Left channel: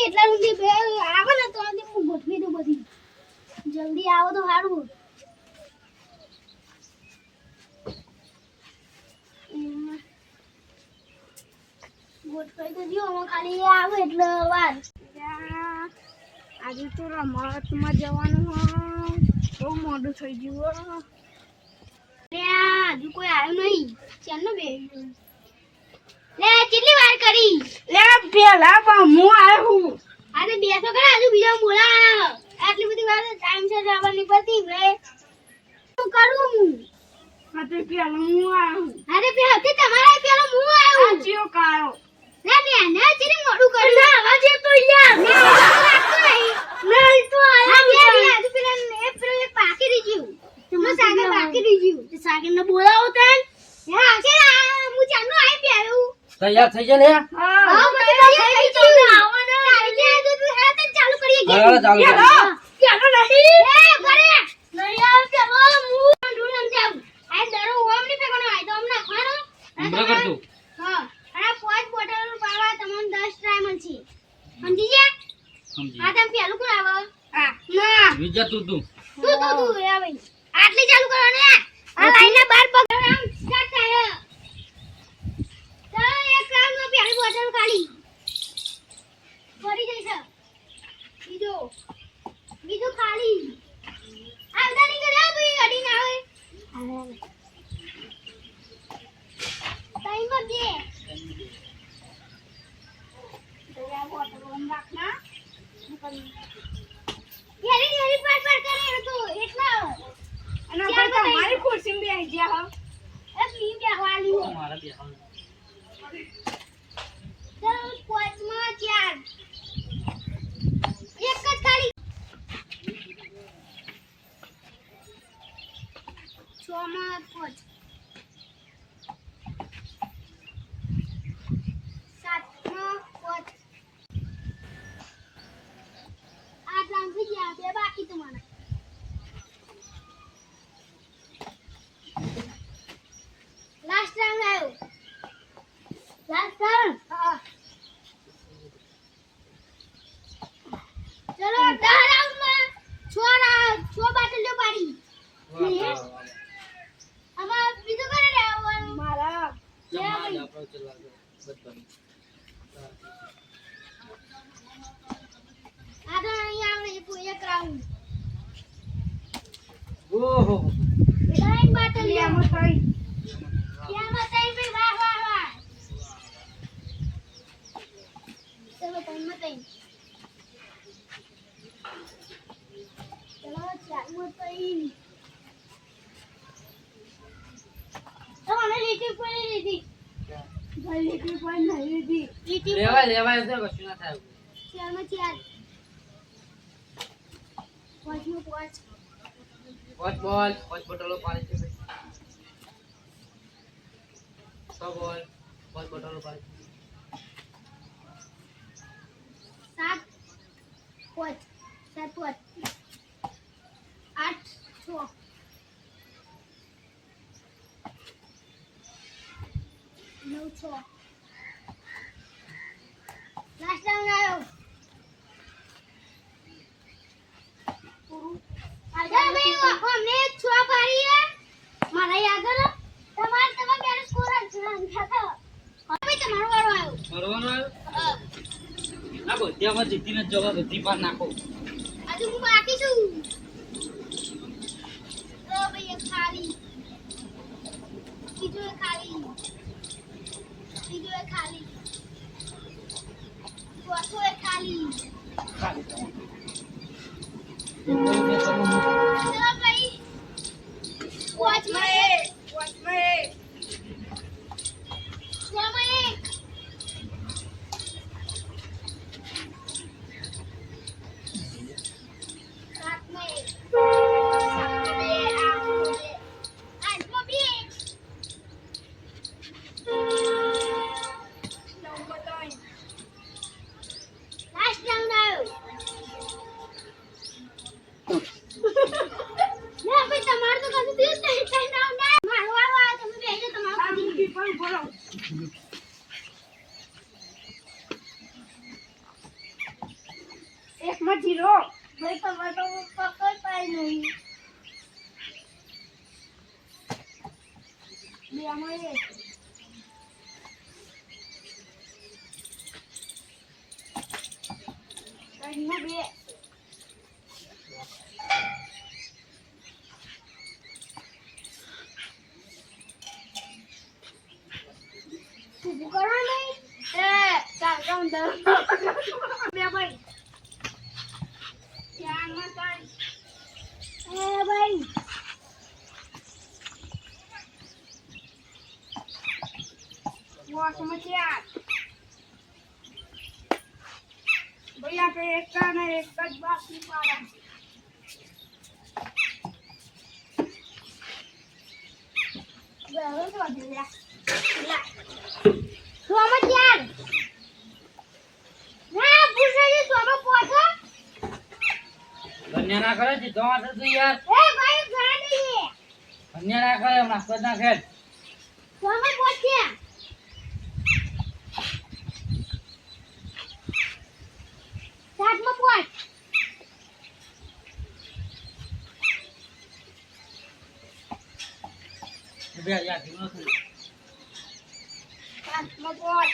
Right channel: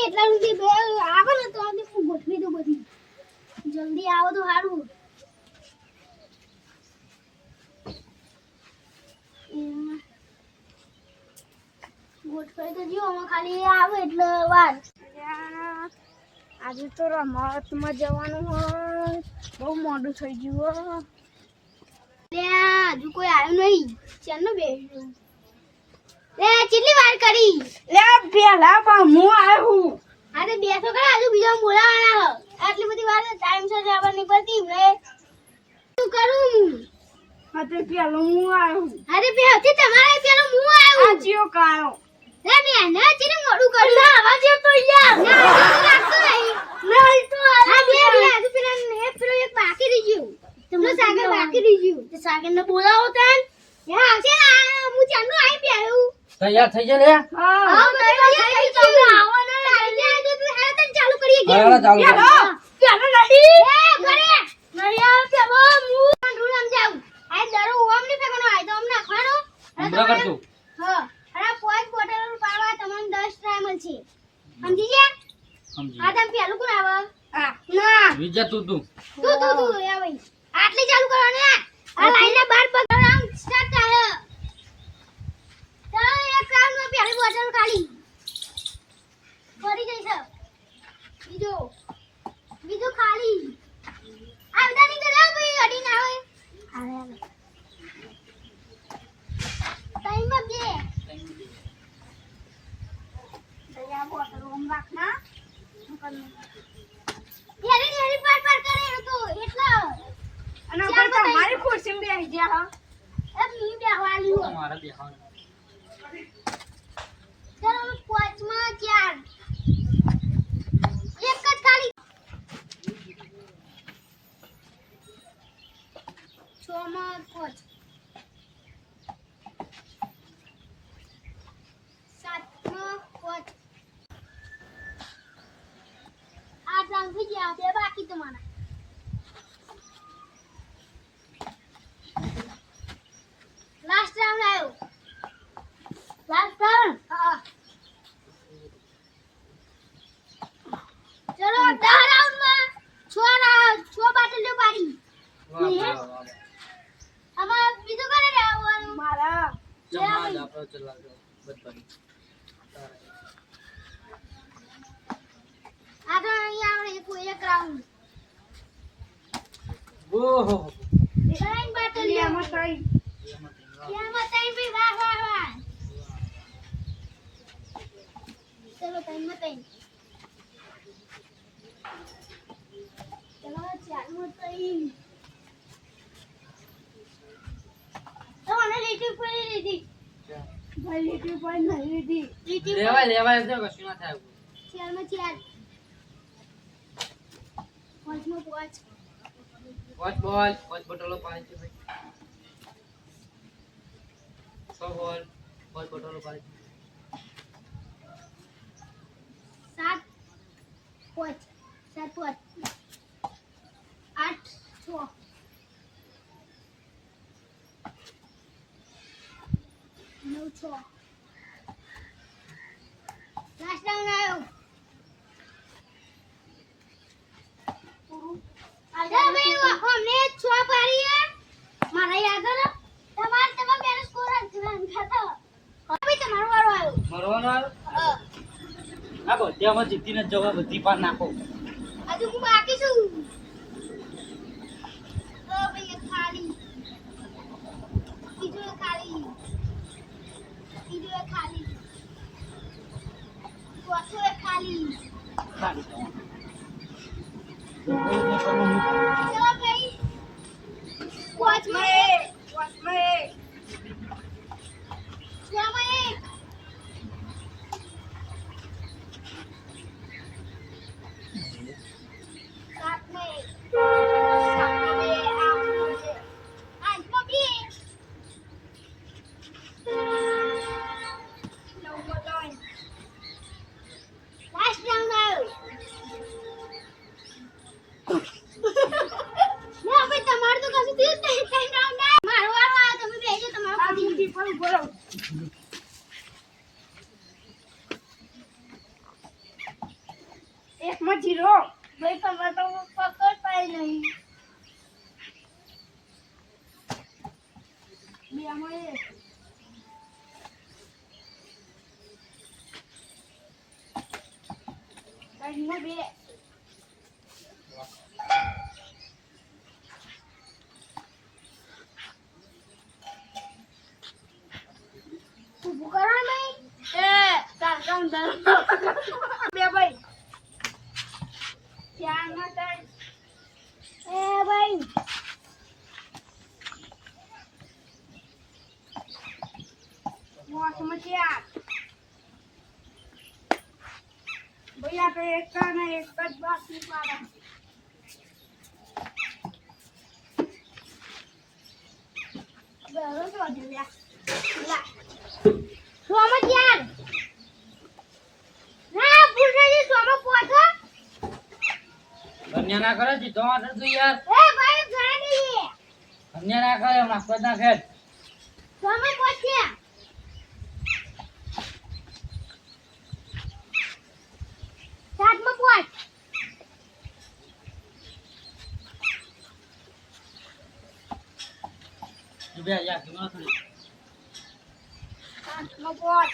નહીં એટલા સુધી બે આવે ને તો હું ગોઠવી દઉં બધી. જલ્દી આવો તો સારું એમાં ગોઠવાઈ તો જો આમાં ખાલી આવે એટલે વાર. આજે તો રમતમાં જવાનું હોય. બહુ મોડું થઈ ગયું. હજુ કોઈ આવ્યું નહીં. ચાલ ને બે. લે કેટલી વાર કરી. લે પેલા પણ હું આવ્યો અરે બેસો કરે આજે હજુ બીજા બોલાવાના. આટલી બધી વાર ટાઈમ છે જવાની પડતી રે શું કરું? હા તે પેલો હું આવ્યો અરે બે હતી તમારા પેલો હું આવ્યો આજીઓ જીઓ કાયો. લે મે ને ચીને મોડું કર્યું. ના આવાજ તો યાર. ના લાગતો નહીં. ના તો હા બે બે હજુ પેલા ને પેલો એક બાકી રહી ગયું. તમને સાગર બાકી રહી ગયું. તે સાગર ને બોલાવો તન. હે આવશે હું ચાંદનો આવી બે આવ્યું તૈયાર થઈ જાય ને હા. હા બધું થઈ ગયું આવો ને તારી જે હજુ તું હે તન ચાલુ કરીએ હા, હા, ચાલુ કરો. પેલો નહીં એ ઘરે. નહીં આવ પેલો હું ઢૂળ સમજાવું આ દરો ઓમની ફેંકવાનો આય તો તું તું. તું આટલી ચાલુ કરો ને. આ લાઈન બાર પગ આમ સ્ટાર્ટ થાય ચાલો પેલી બોટલ ખાલી ફરી જઈશ બીજો. બીજો ખાલી. આવતા નહીં કરે ભાઈ અડી ના આવે આવે આવે ટાઈમ બોટલ ઓમ રાખના પાર પાર કરે તો એટલા. અને ઉપર. તમારી ખુરશી બેસી ગયા હો. એ મી બેહવાલી હો મારા બેહવાનું. ચાલો પાંચમાં ચાર. એક જ ખાલી છ માં પાંચ સાતમાં પાંચ આઠ રાઉન્ડ થઈ ગયા બે બાકી તમારા લાસ્ટ રાઉન્ડ આવ્યો લાસ્ટ રાઉન્ડ હા ચલો દસ રાઉન્ડમાં છ રાઉન્ડ છ બાટલીઓ પાડી વાહ, વાહ, વાહ, વાહ. આમાં બીજું કરે રહેવાનું મારા જમવા જ આપણો ચલાવજો બધાની. આ તો અહીંયા આપણે એક એક રાઉન્ડ ઓહો ત્રણ બાટલીઓ એમાં થઈ ત્યાંમાં ત્રણ ભાઈ વાહ વાહ વાહ ચલો ત્રણ ચલો ચારમાં ત્રણ તમને લીટી પડી લીધી ભાઈ લીટી પણ નહીં લીધી લેવાય લેવાય તો કશું ના થાય ચાર? પાંચમાં પાંચ. પાંચ બોલ પાંચ બોટલો પાડી છે છ બોલ પાંચ બોટલો પાડી સાત પાંચ સાત પાંચ. આઠ છ. નવ છ લાસ્ટ રાઉન્ડ આવ્યો છ મારા યાદ હે તમાર તમાર બેનો સ્કોર જ ખાતા હવે તમારો વારો આવ્યો. મરવાનો આવ્યો? હા. બધી આમાં જીતીને જ જવા બધી પાર નાખો. આજે હું બાકી છું તો ભાઈ એક ખાલી બીજું એક ખાલી બીજું એક ખાલી. ચોથું ખાલી. ખાલી. ભાઈ પાંચમાં એક વચમાં એક છમાં એક સાતમાં એક સાતમાં બે આઠમાં બે આઠમાં બે નવમાં ત્રણ લાસ્ટ રાઉન્ડ આવ્યો ના ભાઈ તમારે તો કશું થયું જ નહીં ત્રણ રાઉન્ડ એકમાં જીરો ભાઈ તમારે તો પકડ પાય નહીં ઊભું કરો ને ભાઈ એ ચાર કામ દર બે ભાઈ ચારમાં ત્રણ એ ભાઈ મોસમાં ચાર ભાઈ આપણે એક ને એક જ બાકી પાડા બરાબર તો વાંધો નહીં. લા. લા. સોમાં ચાર. ના, ભૂસાજી, સોમાં પોચો. કન્યા ના કરે જીતો માટે તું યાર એ ભાઈ, ઘણા દઈએ. કન્યા ના કરે હમણાં પદ ના ખેલ સોમાં પોચ્યા. સાતમાં પોચ. બે યાર ધીમો થોડી પાંચમાં પાંચ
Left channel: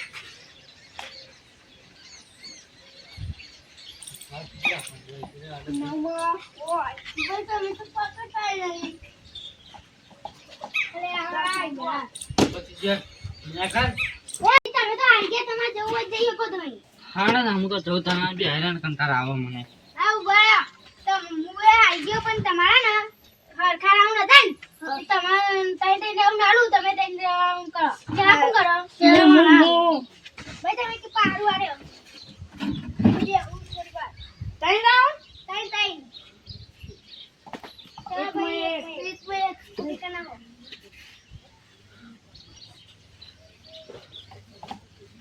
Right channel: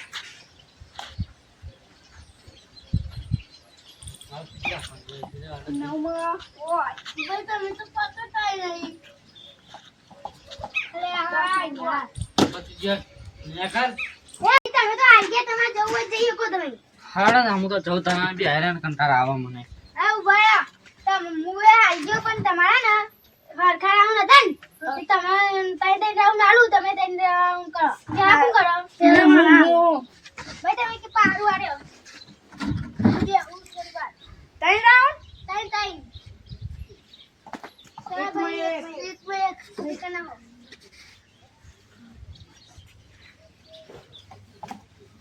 નવમાં ભાઈ, તમે જે તમે ગયા, તમારે જવું હોય જઈએ જઈ તમે. હાડા હું તો જઉં તને બી હેરાન કંટાળા આવે મને આ ઊભા રહો. તમ હું ગયો પણ તમારા ને હરખા રાઉન્ડ હતા ને તે તમારે ત્રણ ત્રણ રાઉન્ડ આલું તમે ત્રણ રાઉન્ડ કરો ત્યાં શું કરો ભાઈ તમે કે પાડું આડ્યો બે, ઉઠ, જરી વાર. ત્રણ રાઉન્ડ ત્રણ ત્રણ ચાલો એકમાં ભાઈ, એક. એક, એકમાં એક. ભાઈ, કે ના હો.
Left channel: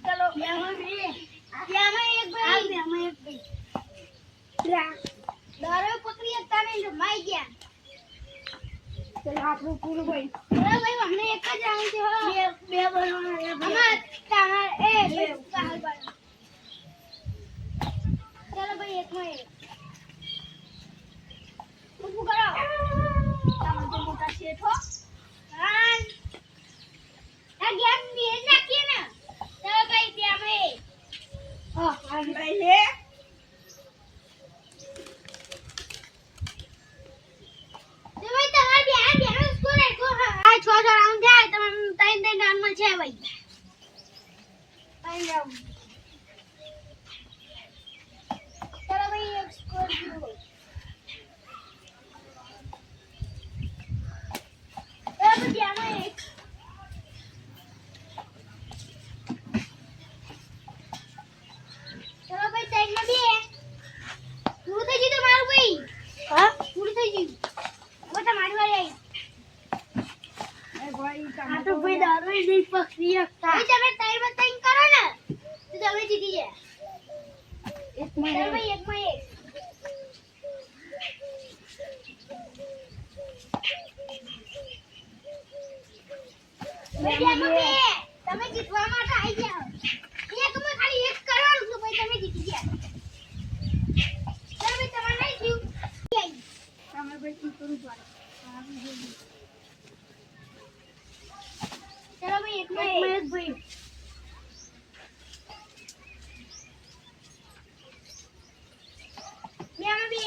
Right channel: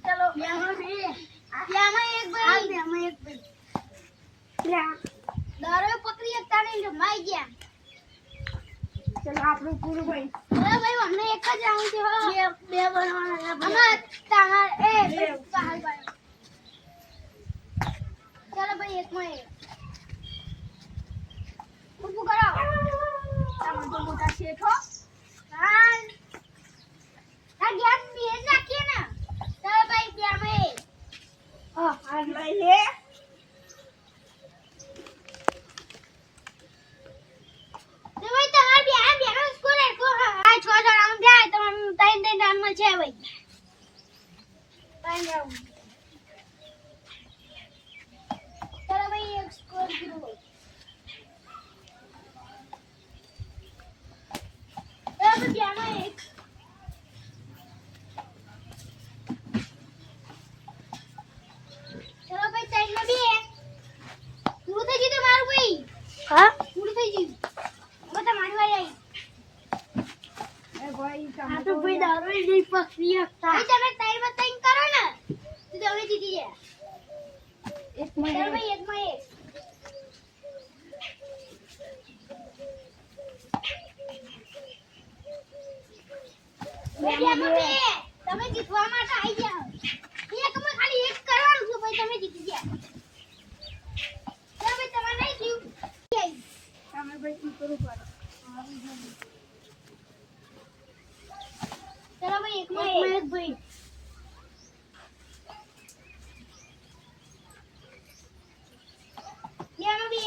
ચલો બેમાં બે. બેમાં એક ભાઈ. બેમાં એક ભાઈ. દારૂ પકડી શકતા પૂરું ભાઈ એક જ છે હો. બે બે બે તો મોટા શેઠ હો હાલ. ગેસ બેજ નાખીએ ને ચાલો ભાઈ બેમાં એક હા આ ભાઈ લે તો ભાઈ તમાર બે આ બેનો સ્કોર એકો આ છ છ રાઉન્ડ થયા તમારે રાઉન્ડમાં છે ભાઈ. રાઉન્ડ ચાલો ભાઈ એક સ્કોર કીધું ભાઈ ચાલો ભાઈ બેમાં એક ચાલો ભાઈ ત્રણમાં બે પૂરું થઈ ગયું તમારું ભાઈ હા પૂરું થઈ ગયું હવે તમારી વારી આવી એ ભાઈ તમે આ તો ભાઈ દારૂ નહીં પકડી શકતા તમે ત્રણમાં કરો ને તો તમે જીતી ગયા. એક માં એક. ભાઈ એક ભાઈ બેમાં તમે જીતવા માટે આવી ગયા એકમાં ખાલી એક કરવાનું છે ભાઈ તમે જીતી ગયા. તમે ભાઈ તમારે નહીં થયું તમે ભાઈ શું કરવું પડે. ચાલો ભાઈ એકમાં એક ભાઈ બેમાં બે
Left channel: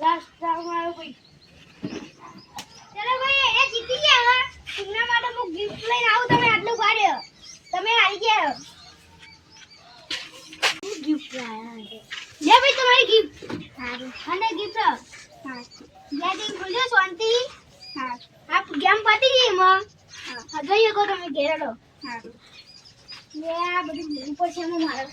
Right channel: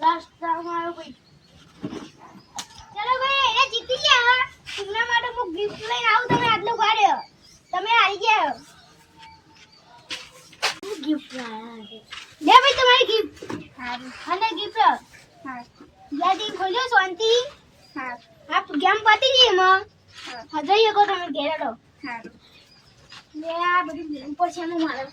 લાસ્ટ રાઉન્ડ આવ્યો ભાઈ ચાલો ભાઈ એ જીતી ગયા હવે માટે હું ગિફ્ટ લઈને આવું તમે આટલું કાઢ્યો તમે હારી. ગયા ગિફ્ટ લાયા ભાઈ તમારી ગિફ્ટ અને ગિફ્ટ હા જ્યાંથી ખોલ્યો શાંતિ. હા. આ ગેમ પતી ગઈ એમાં? હા. હા જઈ શકો તમે ઘેર હેડો. સારું મેં આ બધું ઉપર છે એમાં મારે.